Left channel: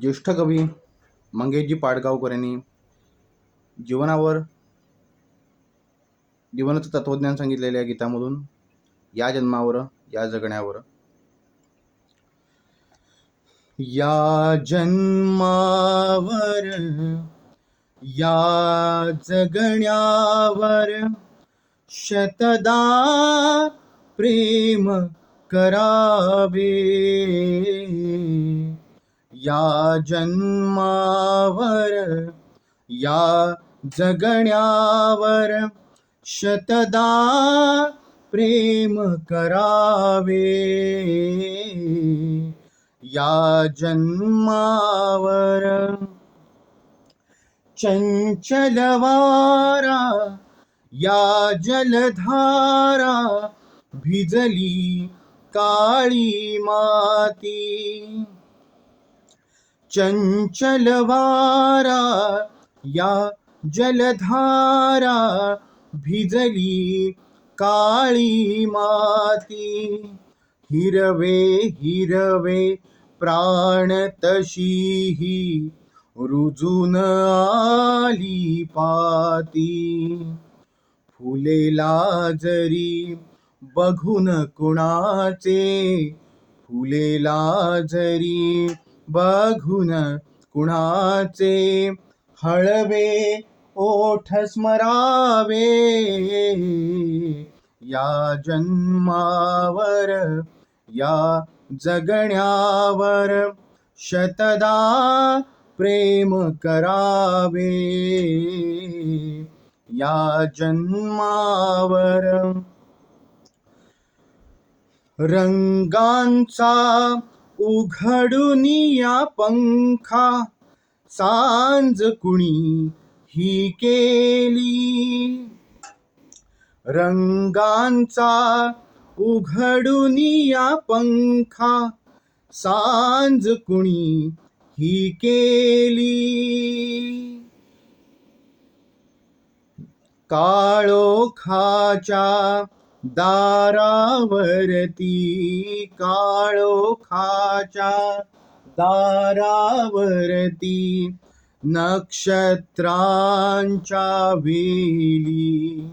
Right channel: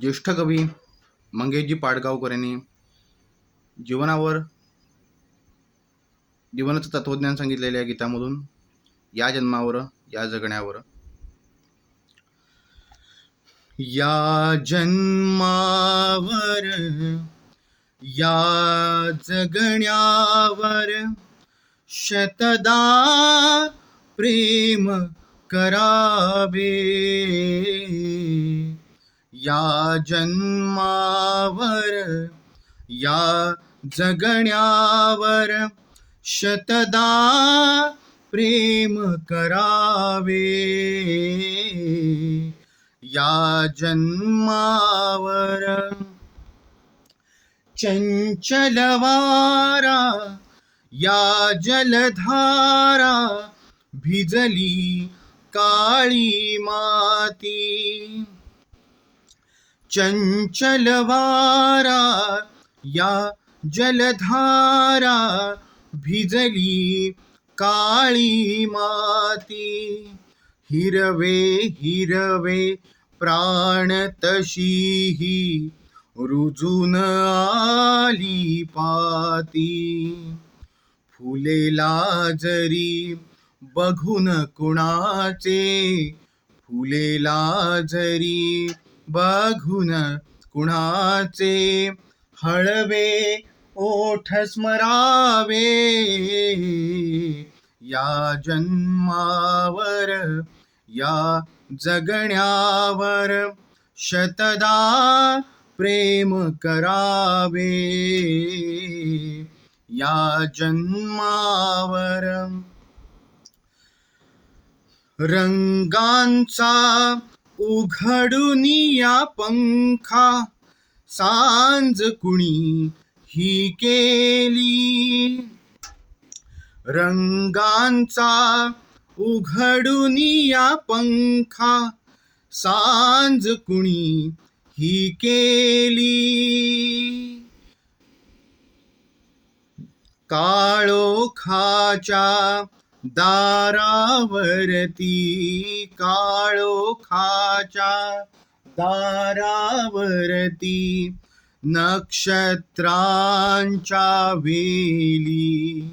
ज्येष्ठ कवी मंगेशजी पाडगावकर यांनी जीवनावर जीवनाचं तत्वज्ञान सांगितलेल्या गीतामधून या जन्मावर या जगण्यावर. या जन्मावर या जगण्यावर शतदा प्रेम करावे. या जन्मावर या जगण्यावर शतदा प्रेम करावे. या जन्मावर चंचलवारा या जलधारा भिजली काळी माती. चंचलवारा या जलधारा भिजली काळी माती. हिरवे हिरवे प्राण तशीही रुजून आली पाती. फुलेला जरी बघून कुणाचे? फुलेला जरी बघून कुणाचे हळवे ओठ स्मरावे. या जन्मावर या जगण्यावर शतदा प्रेम करावे. या जन्मावर रंगांचा उघडून या पंखा. सांज कुणी ही केली. रंगांचा उघडून या पंखा. सांज कुणी ही केली. काळोखाच्या दारावरती काळोखा काळोखाच्या दारावरती नक्षत्रांच्या वेली.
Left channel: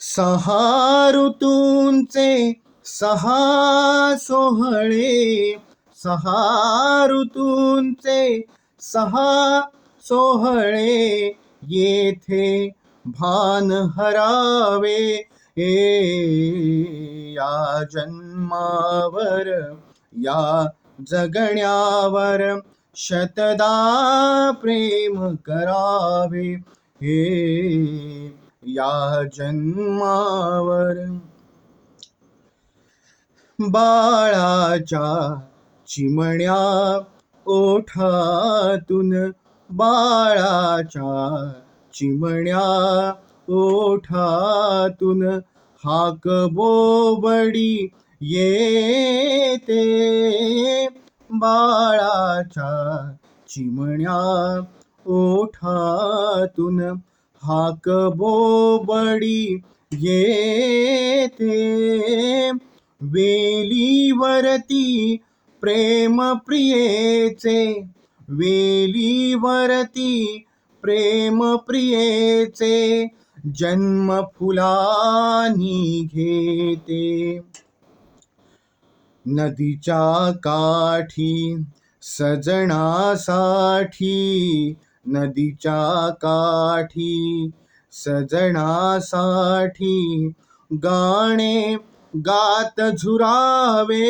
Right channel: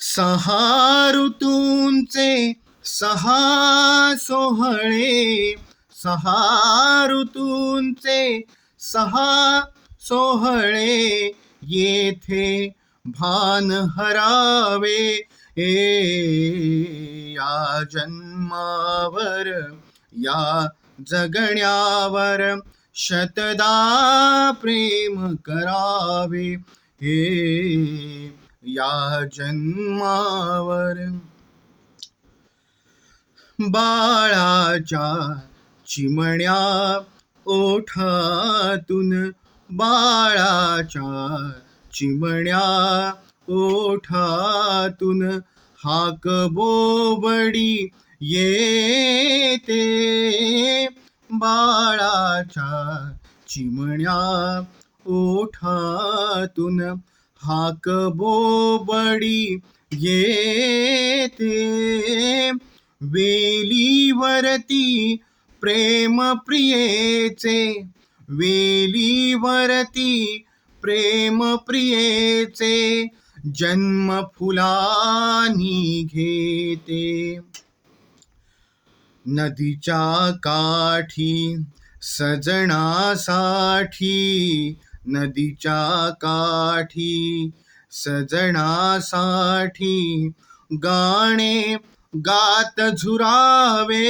सहा ऋतूंचे सहा सोहळे सहा ऋतूंचे सहा सोहळे येथे भान हरावे ए या जन्मावर या जगण्यावर शतदा प्रेम करावे. हे या जन्मावर बाळाच्या चिमण्या ओठातून बाळाच्या चिमण्या ओठातून हाक बोबडी येते बाळाच्या चिमण्या ओठातून हाक बोबडी येते वेलीवरती प्रेम प्रियेचे वेलीवरती प्रेम प्रियेचे जन्म फुलानी घेते। नदीच्या काठी सजणासाठी नदीच्या काठी सजणासाठी गाणे गात झुरावे.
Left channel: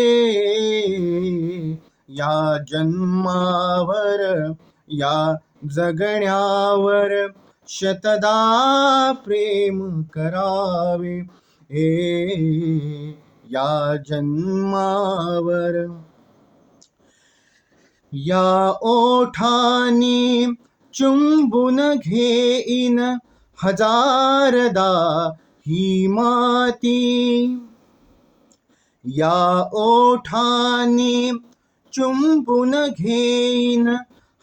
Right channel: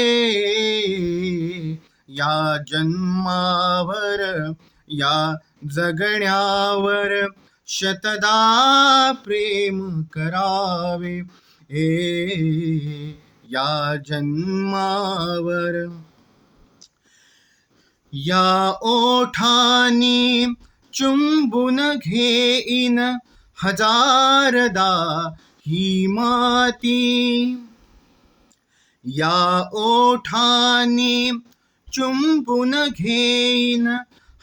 या जन्मावर या जगण्यावर शतदा प्रेम करावे. हे या जन्मावर. या ओठानी चुंबून घेईन हजारदा ही माती. या ओठानी चुंबून घेईन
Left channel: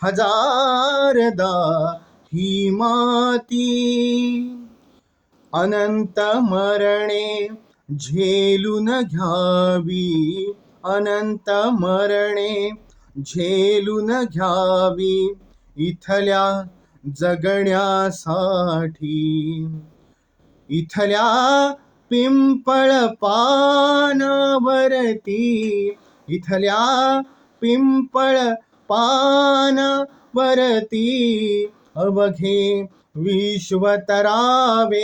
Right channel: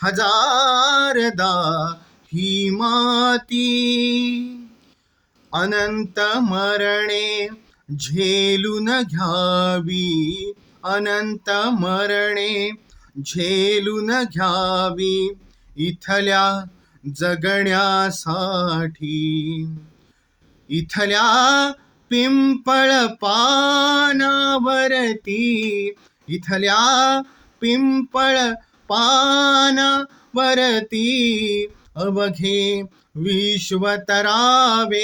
हजारदा ही माती. अनंत मरणे झेलून घ्यावी अनंत मरणे झेलून घ्यावी इथल्या जगण्यासाठी. इथल्या पिंपळ पानावरती इथल्या पिंपळ पानावरती अवघे विश्वतरावे.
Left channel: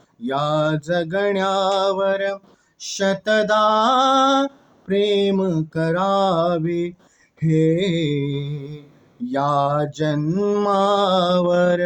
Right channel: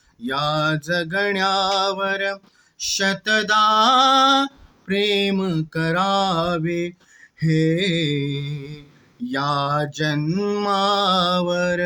या जगण्यावर शतदा प्रेम करावे. हे या जन्मावर